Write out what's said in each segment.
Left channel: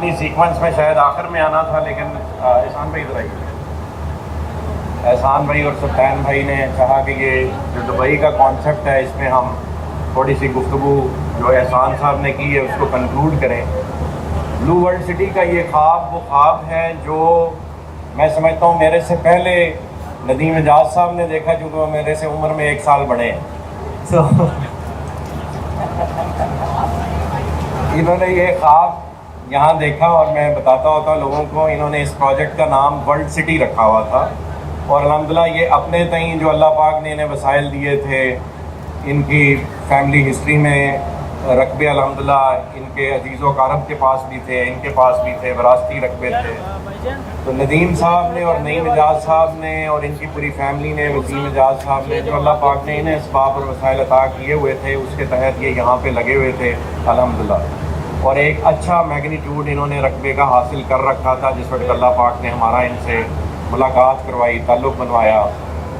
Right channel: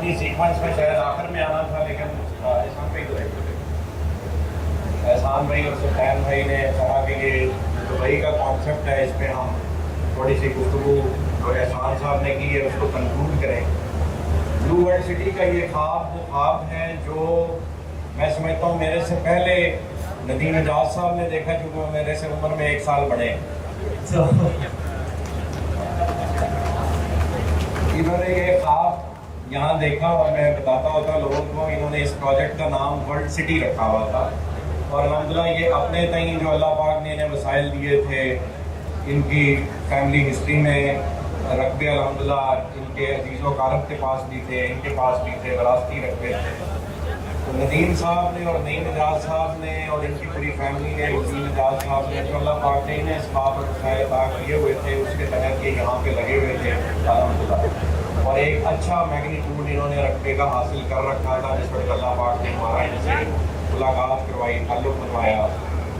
اپنی سیکوینس میں شاید آخر میں آنا تھا، لیکن احسان بھائی ادھر آئیے. احسان بھائی اور سلطان بھائی نے کہا کہ یہ جو دبئی کا کانسیپٹ ہے اس پہ ہم تھوڑی سی گفتگو جو احسان صاحب نے کی ہے اس کو کنکلوڈ کریں. بلو ورلڈ سٹی کا یہ خواب وہ خواب ہے جو میں سمجھتا ہوں میرے سے پہلے ندیم اعجاز صاحب نے دیکھا، کیونکہ وہ میرے سے عمر میں 1 سال بڑے ہیں. تو انہوں نے یہ خواب یہاں دیکھا، اور میں بتاتا ہوتا لوگوں کو، انہوں نے اس پروجیکٹ کا نام ورلڈ سٹی رکھا ہوا تھا. اور الحمدللہ یہ اپنے تئیں جو اللہ پاک نے انہیں وسائل دیے تھے، ان کی فیملی ہسٹری میں رقبے الحمدللہ ان کے عزیز و اقارب کے پاس بھی تھے، ان کے پاس بھی تھے، وراثتی رقبے تھے. تو ندیم صاحب نے اور نعیم اعجاز صاحب نے اور ان کی پوری فیملی نے، ندیم اعجاز صاحب نے، جو اللہ پاک نے انہیں اسباب اور وسائل عطا کیے ہوئے تھے اس کے تحت یہ یہاں پہ لگے ہوئے تھے الحمدللہ. اور ایک اچھا میگنیٹیوڈ انہوں نے رقبے کا حاصل کر رکھا تھا. جس وقت اللہ پاک نے ہمارا ان سے ملاقات کروائی، تعلق بنوایا،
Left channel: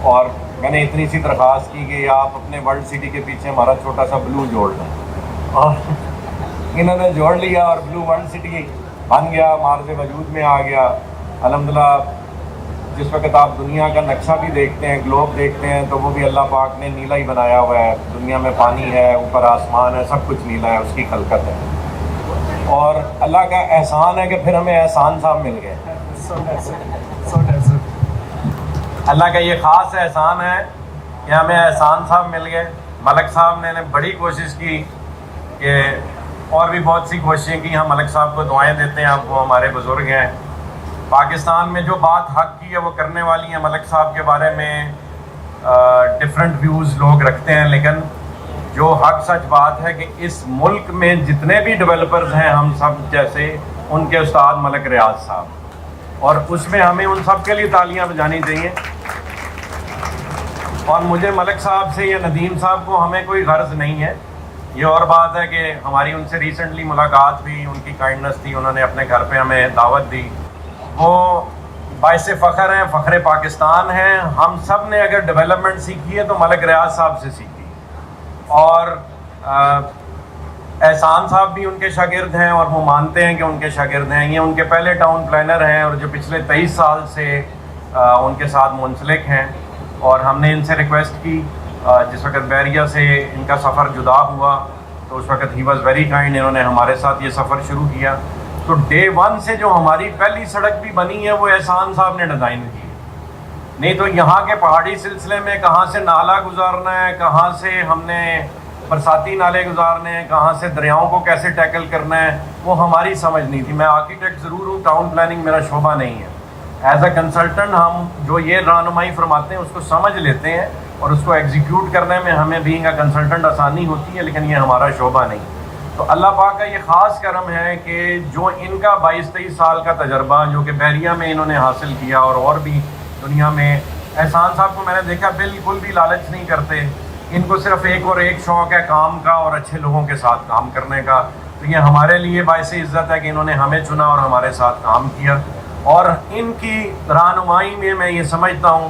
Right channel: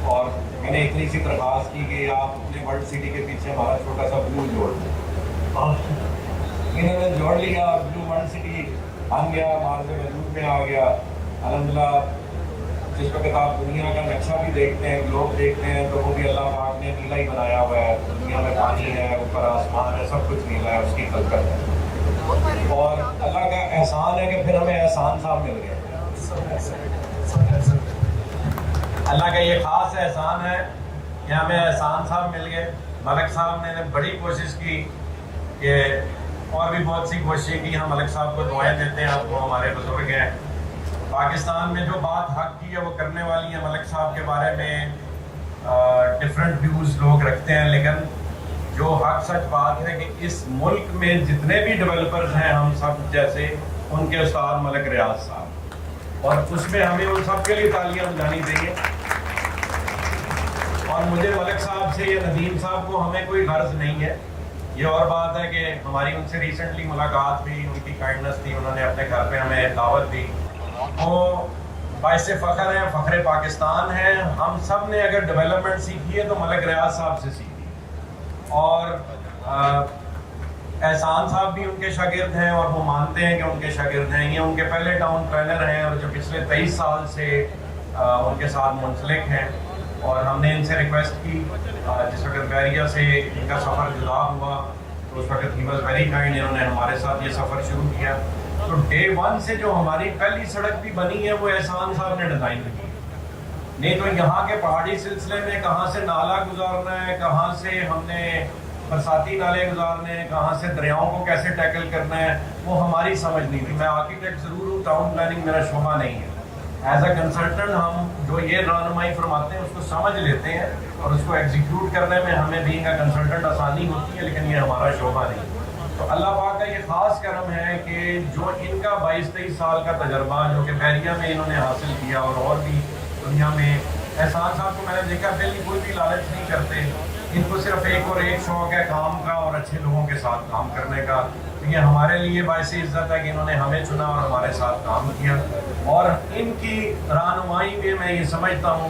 اور میں نے اتنی سی درخواست کی کہ آپ اپنے ورلڈ سٹی کے پیچھے ہمارا چھوٹا سا بلو جوڑ دیں، اور انہوں نے جوڑ لیا اور بلو ورلڈ سٹی بن گیا، مارز وجود میں آ گیا الحمدللہ. جس وقت آپ دنیا کا نقشہ بھی دیکھتے ہیں، گلوب دیکھتے ہیں، تو وہ بھی اللہ پاک نے نیلا ہی بنایا ہوا ہے. دنیا میں پانی ہے، اوپر آسمان ہے، سب کچھ نیلا ہے، اس کی خلقت ہے. اور اللہ کا احسان ہے کہ پھر ہمیں احسان صاحب مل گئے. اللہ کا یہ خاص احسان ہے کہ ہمیں احسان صاحب مل گئے. ملک صاحب نے بڑی کوشش کی کہ، اور بھی بہت سی کوششیں کی. ہم ملک صاحب کو دعائیں دیتے ہیں، آپ کو ہمارے بزرگ ہیں. پاکستان میں جو بات حق کی ہے وہ کرنے والی ہیں. ملک صاحب کے بارے میں ڈفرینٹ ویوز لوگ رکھتے ہیں، لیکن جو حق سچ بات ہے کہ اس ملک میں جتنے بھی ڈیولپرز ہیں ہم سب جیسے، ان کے استاد ملک ریاض صاحب، اور اس میں ہمیں ان سب کے لیے تالیاں بجانی چاہیے. اور مجھے ملک صاحب سے یا ندیم صاحب کو ہمیں کوئی غرض نہیں ہے. یہ اور بات ہے کہ ہماری ان سے ریسنٹلی ملاقات ہوئی، ان کی کائنڈنس تھی، انہوں نے اپنے گھر پہ ہمیں دعوت دی. وہ باعث فخر ہیں، فخر پاکستان ہیں. ہم سب نے اگر ڈیولپمنٹ سیکھی ہے تو ملک ریاض صاحب سے سیکھی، اور احسان صاحب بھی ان کے شاگرد ہیں، اور وہ مانتے ہیں کہ ان کے شاگرد ہیں. یہ ان کے پہلے ٹاؤن پلانر ہیں، اور جو پچھلے 23 سال سے ان کے ساتھ منسلک ہیں. اور ہم نے ان سے ریکویسٹ کی، جس وقت بحریہ سے ان کا سفر جدا ہوا تو اس وقت ہی واز ویری کائنڈ، انہوں نے ہمارے ساتھ یہ سفر شروع کیا. تو ڈے 1 سے جو ہماری پہلی سڑک بھی بنی ہے وہ احسان صاحب نے ڈیزائن کی. نہیں تو یہاں کے پہاڑی سلسلے میں کہاں سے نالا گزارنا ہے، کہاں سے ہم نے برساتی نالے گزارنے ہیں، کہاں سے دریاؤں کو کیسے ٹیکل کرنا ہے، وہ ہماری سمجھ نہیں تھی. میں آرکیٹیکٹ ضرور ہوں، ٹاؤن پلاننگ میرا شعبہ نہیں ہے. ایز اے کنسلٹنٹ ہم جو یہ رہنمائی فرماتے ہیں اس کو سمجھ لیتے ہیں، اور اس کو ایگزیکیوٹ کرنے میں ہمیں بینگ اے کنسلٹنٹ آسانی ہوتی ہے، لیکن یہ ہمارا شعبہ نہیں. تو اللہ پاک کا یہ خاص کرم ہے کہ جو ان کا 22-23 سال کا تجربہ جو کہ بحریہ میں انہوں نے حاصل کیا، اور بھی دنیا میں، احسان صاحب کو میں نے دیکھا بالکل بھی لالچ نہیں کرتے. ان کو صرف ایک اور ایک شوق ہے کام کا اور اچھے لوگوں کے ساتھ کام کرنے کا. تو یہ ہمارے لیے باعث عزت ہے کہ انہوں نے ہمیں چنا اور ہمارے ساتھ کام کیا. اور ان کی رہنمائی میں یہ سمجھتا ہوں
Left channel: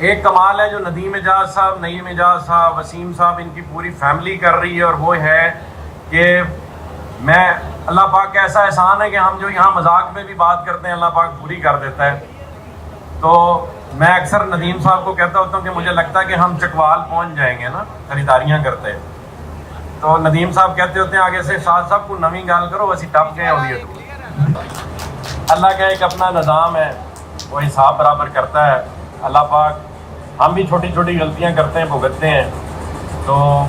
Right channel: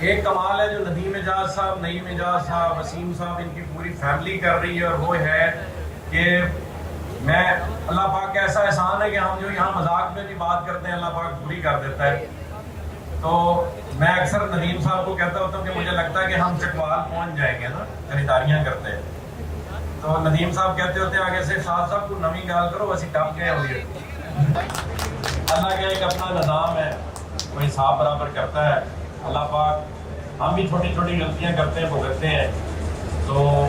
ایک کمال ہے جو ندیم اعجاز صاحب، نعیم اعجاز صاحب، وسیم صاحب، ان کی پوری فیملی کر رہی ہے، اور وہ ہے کہ میں اللہ پاک کا ایسا احسان ہے کہ ہم جو یہاں مذاق میں بھی بات کرتے ہیں اللہ پاک پوری کر دیتا ہے. تو میں اکثر ندیم صاحب کو کہتا ہوتا ہوں کہ مجھے لگتا ہے کہ ہم چکوال پہنچ جائیں گے نا خریداریاں کرتے ہیں. تو ندیم صاحب کہتے ہوتے ہیں آگے سے شاہ صاحب کو نویں گال کرو، ویسی ٹپ گئے ہوئی ہے. اللہ کا ایک اپنا نظام ہے، وہ حساب برابر کرتا ہے. اللہ پاک، ہم بھی چھوٹی چھوٹی غلطیاں کرتے ہیں، بھگتتے ہیں. تو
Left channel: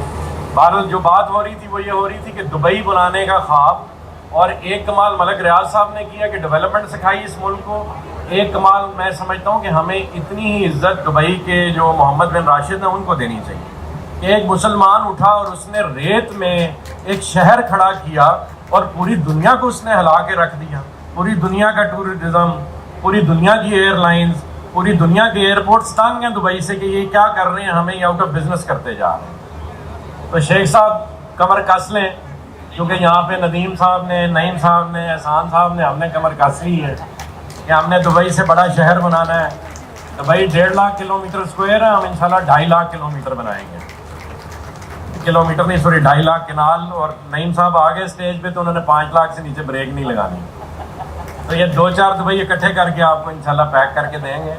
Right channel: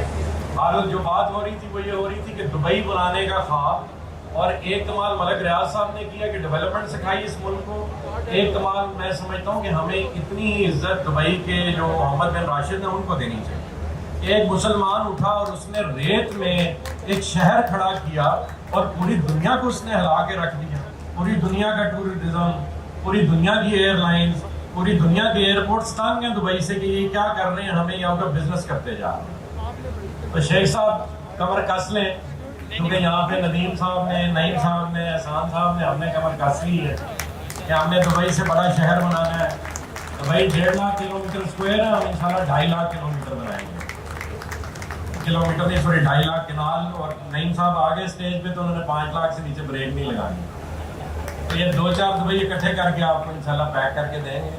بہرحال جو بات ہو رہی تھی وہ یہ ہو رہی تھی کہ دبئی بنانے کا خواب، اور ایک کمال ملک ریاض صاحب نے کیا کہ ڈیولپمنٹ سکھائی اس ملک کو. ایک کمال میں سمجھتا ہوں کہ ہمیں اتنی ہی عزت دبئی کے جو محمد بن راشد ہیں ان کو دینی چاہیے کہ ایک مسلمان اٹھا اور اس نے ریت میں ایک شہر کھڑا کیا اور پوری دنیا کو اس نے ہلا کے رکھ دیا. پوری دنیا کا ٹورزم، پوری دنیا کی ایئر لائنز، پوری دنیا کے ایئرپورٹس تانگ ہیں دبئی سے کہ یہ کیا کر رہے ہیں، ہمیں یہ آؤٹ آف بزنس کرتے جا رہے ہیں. تو شیخ صاحب کمر کس لیں، کیونکہ یہاں پہ ندیم صاحب نے، نعیم صاحب نے، احسان صاحب نے، ہم نے کمر کس لی ہے کہ ہم نے دبئی سے بڑا شہر بنانا ہے. دبئی 1.5 لاکھ کلومیٹر اسکوائر ہے، ہم انشاءاللہ 2.5 لاکھ کلومیٹر بنائیں گے. کلومیٹر نہیں، سوری 2.5 لاکھ کنال. اور نعیم صاحب آگے اسٹیج پہ تو انہوں نے 5 لاکھ سے نیچے بریک نہیں لگانی. تو یہ 2-4 دبئی اکٹھے کر کے آپ کو انشاءاللہ پیک کر کے دیں گے.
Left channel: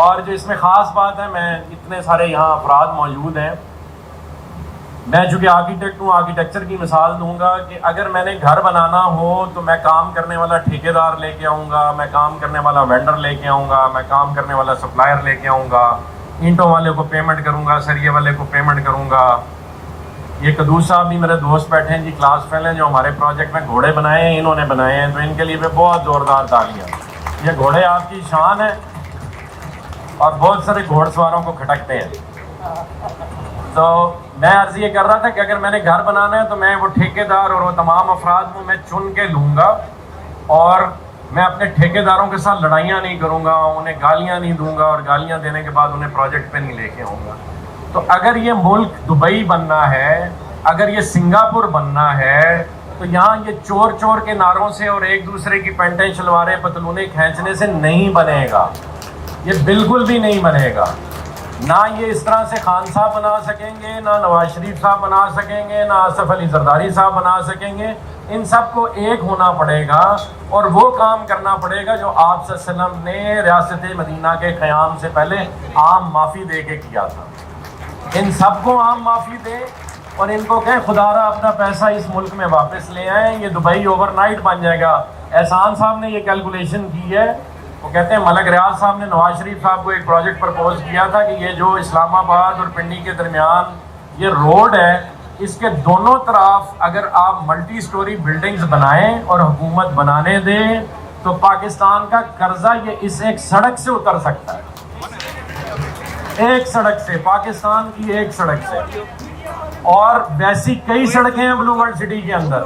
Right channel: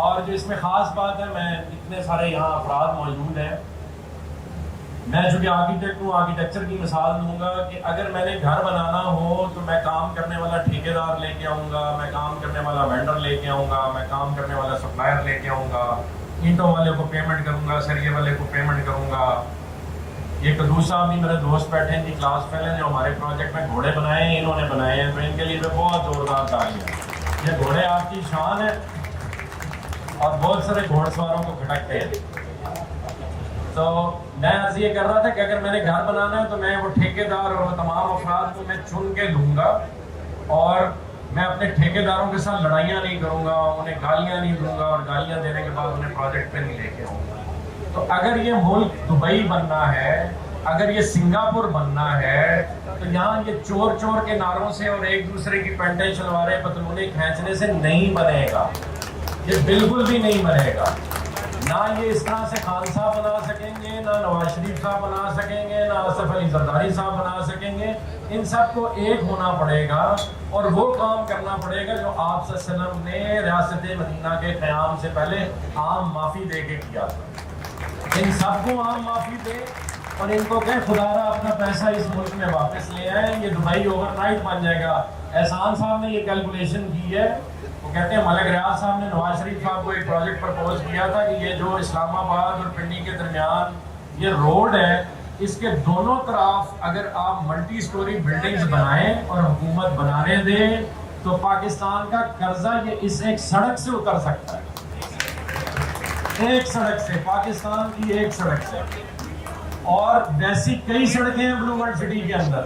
اور جو اس میں خاص بات ہے، میں اتنے سارے یہاں افراد موجود ہیں، میں چونکہ آرکیٹیکٹ ہوں، آرکیٹیکچر کی مثال دوں گا کہ اگر میں نے گھر بنانا ہو تو میں کام کرنے والا ٹھیکیدار لے کے آؤں گا، میں کام کرنے والا وینڈر لے کے آؤں گا، میں کام کرنے والا سپلائر لے کے آؤں گا، اینٹوں والے کو پیمنٹ کروں گا، سریے والے کو پیمنٹ کروں گا. یہ قدوس صاحب بھی میرے دوست بیٹھے ہیں جی، کلاس فیل ہیں، جو ہمارے پروجیکٹ میں گھوڑے بنائے ہیں انہوں نے بنائے ہیں، تو ان کے لیے بھی بہت زوردار تالیاں. یہ گھوڑے آپ کی شان ہے اور بہت سارے گھوڑ سواروں کو کھٹکتے ہیں. تو میں عرض یہ کر رہا تھا کہ اگر میں نے گھر بنانا ہے تو میں وہ ٹھیکیدار اور وہ تمام افراد کو میں چن کے لوں گا، اور میں اپنے ٹھیکیداروں کے ساتھ لڑائیاں نہیں کروں گا، انہیں گالیاں نہیں دوں گا، اور گالیاں دینے کے بعد انہیں پروجیکٹ پہ نہیں لے کے آؤں گا. تو اگر یہ ملک دبئی بننا ہے، اگر یہ سنگاپور بننا ہے، تو یہاں یہ چور چور کے نعروں سے اور ایک دوسرے کی پینٹیں شلواریں پتلونیں کھینچنے سے نہیں بنے گا. یہ بالکل بھی نہیں بنے گا. نہ یہ اس طرح سے خان صاحب بنا سکیں گے، نہ نواز شریف صاحب بنا سکیں گے، نہ آصف علی زرداری صاحب بنا سکیں گے. ان سب کو ایک ہونا پڑے گا اور وہ کام کرنا پڑے گا جو آپ صلی اللہ علیہ وسلم نے ریاست مدینہ کے قیام سے پہلے عام معافی دے کے کیا تھا. ان سب کو عام معافی دے اور ان کو کہیں خدا را اپنا پیسہ اس ملک میں واپس لے آئیں، یہ دبئی اوور نائٹ بن جائے گا. احسان صاحب نے یہ کیلکولیشن کی ہے، وہ کہتے ہیں ملک ریاض صاحب نے نواز شریف صاحب کو ایک پروجیکٹ پرپوز کیا تھا کہ یہ جو اسلام آباد اور پنڈی کے درمیان یہ روڈ ہے، اس کے دونوں طرف اگر آپ ملٹی سٹوری بلڈنگز بنائیں اور حکومت بنانے دیں تو پاکستان کا قرضہ یہ اس ایک سڑک سے اتر سکتا ہے. ایک سڑک سے، پاکستان کی ایک سڑک سے. اور ویسی کئی سڑکیں ہیں بلو ورلڈ سٹی کے اندر.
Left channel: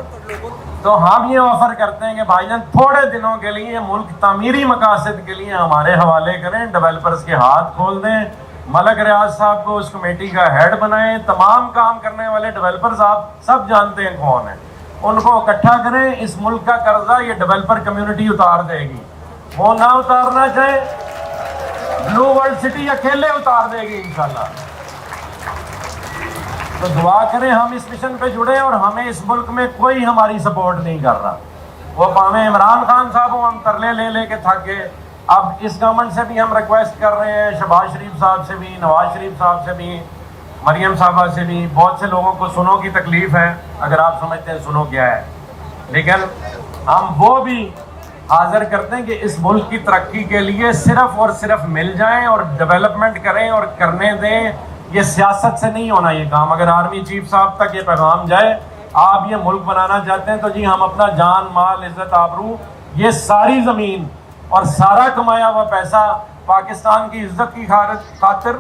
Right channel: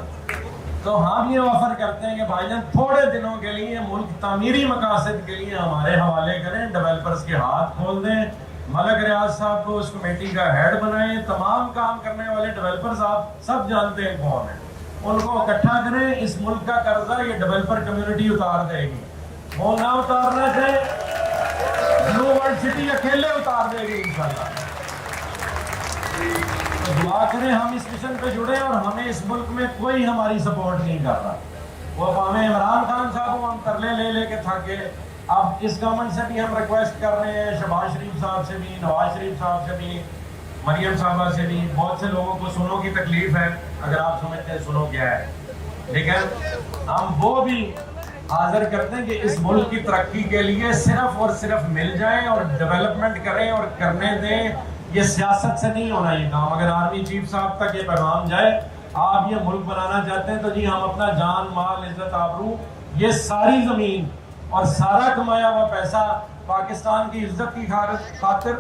تو ہم یہ آفر کرتے ہیں کہ بھائی جان تھوڑے دنوں کے لیے ملک تعمیری مقاصد کے لیے ہمارے حوالے کریں، ڈیولپرز کے ہاتھ کھول دیں، ملک ریاض صاحب کو اس کمیٹی کا ہیڈ بنائیں. تمام کام کرنے والے ڈیولپرز آپ سب جانتے ہیں کون ہیں، ان کو اکٹھا کریں. اس ملک کا قرضہ یہ ڈیولپر کمیونٹی اتار دے گی. وہ نہ اتارنا چاہے، بلو ورلڈ سٹی اکیلے اتار دے گی انشاءاللہ. تو دعا کریں ہم اس مشن پہ جڑیں، اور ہمیں اس ملک میں کوئی ہماری سپورٹ نہیں کر رہا. وہ پاویں عمران خان صاحب کو ہم ترلے لے لے کے تھک گئے. اب اس گورنمنٹ سے بھی ہم ریکویسٹ کر رہے ہیں، شہباز شریف صاحب سے بھی، نواز شریف صاحب سے بھی، مریم صاحبہ سے بھی. بہت سے لوگوں کو سنوں کی تکلیف ہے، اگر آپ سمجھتے ہیں سنو کیا ہے، لیکن ہم وہ بھی حاضر کرتے ہیں کہ اس ملک کی ترقی کے لیے صرف اور صرف مل جائیں اور ڈیولپمنٹ کریں اور کرنے دیں. یہ سیاست سے نہیں ہونا یہ کام. اگر آرمی چیف صاحب تک یہ پیغام جائے، آپ یہ ملک بنانا چاہتے ہیں تو جی ہم اپنا جان مال عزت آبرو یہ ساری زمین اور سارا کمایا ہوا پیسہ پاکستان کی عزت کی خاطر،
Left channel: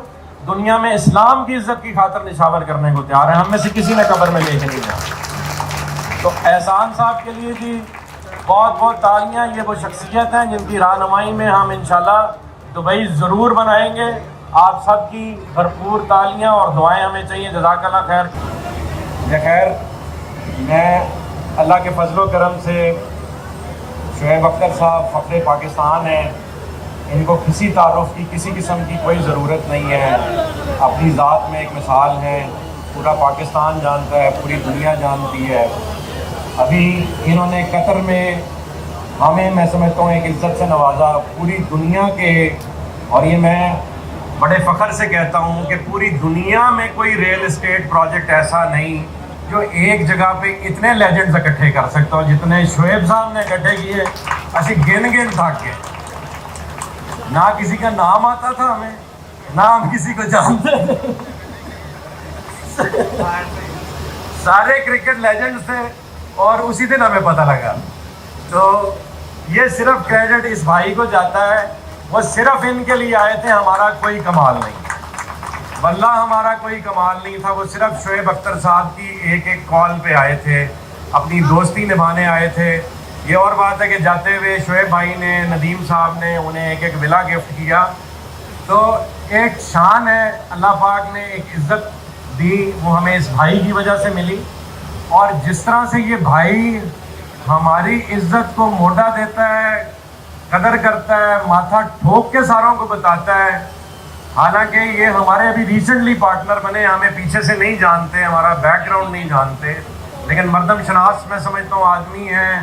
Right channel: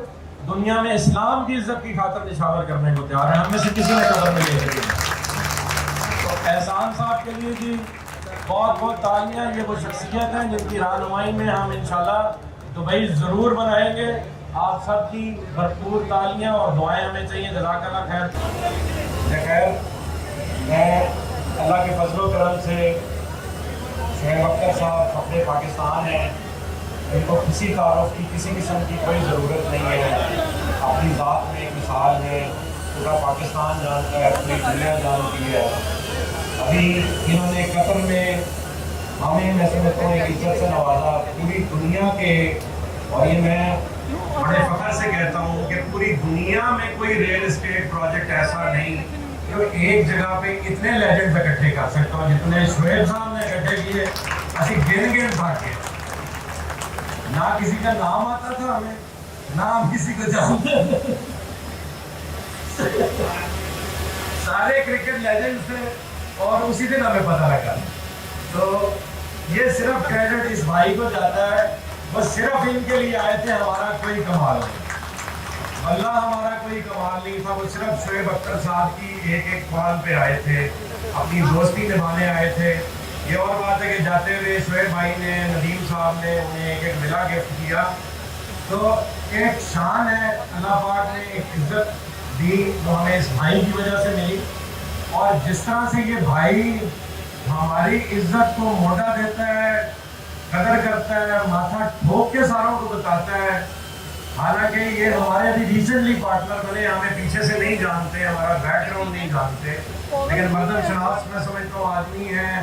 دنیا میں اسلام کی عزت کی خاطر نشاور کرنے کو تیار ہے. ہم میں سے کسی نے قبر میں لے کے دیا. تو احسان صاحب کے لیے جی بہت بہت تالیاں. یہ وہ شخصیت ہیں جن کی رہنمائی میں ہم انشاءاللہ دبئی ضرور بنائیں گے. آپ سب کی بھرپور تالیاں اور دعائیں ہمیں چاہیے. جزاک اللہ خیر. خیر، میں اللہ کے فضل و کرم سے شعیب اختر صاحب فخر پاکستان ہیں، ان کو کسی تعارف کی کسی قسم کی کوئی ضرورت نہیں ہے. اپنی ذات میں ایک مثال ہے، پورا پاکستان جانتا ہے، پوری دنیا جانتی ہے. ابھی انہوں نے قطر میں ہمیں میں سمجھتا ہوں ایک عزت سے نوازا پوری دنیا کے. اور یہ میں بڑے فخر سے کہتا ہوں کہ پوری دنیا میں کوئی ریل اسٹیٹ پروجیکٹ ایسا نہیں جو ایک جگہ پہ اتنے لیجنڈز اکٹھے کر سکتا ہو جتنے شعیب صاحب نے اکٹھے کیے. ایسے گن تھک کے نہ کسی کا نام آتا تھا ہمیں، نہ ہم کسی کو جانتے تھے. سارے کرکٹ لیجنڈز تھے اور اسی دن ہمیں پتہ لگا. تو یہ صرف کریڈٹ اس بھائی کو جاتا ہے. وہ صرف ان کے لیے آئے تھے، ہمارا کوئی کمال نہیں، واللہ ہمارا کوئی کمال نہیں تھا. وہ صرف شعیب اختر صاحب کی ایک ایک کال پہ آئے تھے، اپنی دوستی نبھانے آئے تھے. یہ اور بات ہے کہ جاتے ہوئے شعیب بھائی نے، ندیم صاحب نے انہیں ایک ایک ولا گفٹ کیا. تو ایک شان ہے، اللہ پاک نے ایک عزت دی، وہ ہمیں اس بھائی کی وجہ سے ملی. اور جس طرح سے یہ بھائی ہماری عزت کو موٹا دیتا ہے، قدر کرتا ہے، ماتھا ٹھوک کے ساروں کو بتاتا ہے. حالانکہ یہ ہمارے ابھی ریسنٹلی پارٹنر بنے، ہمیں پیچھے سے نہیں جانتے، ہمارا بیک گراؤنڈ نہیں جانتے، لیکن مردم شناس میں سمجھتا ہوں آدمی ہے.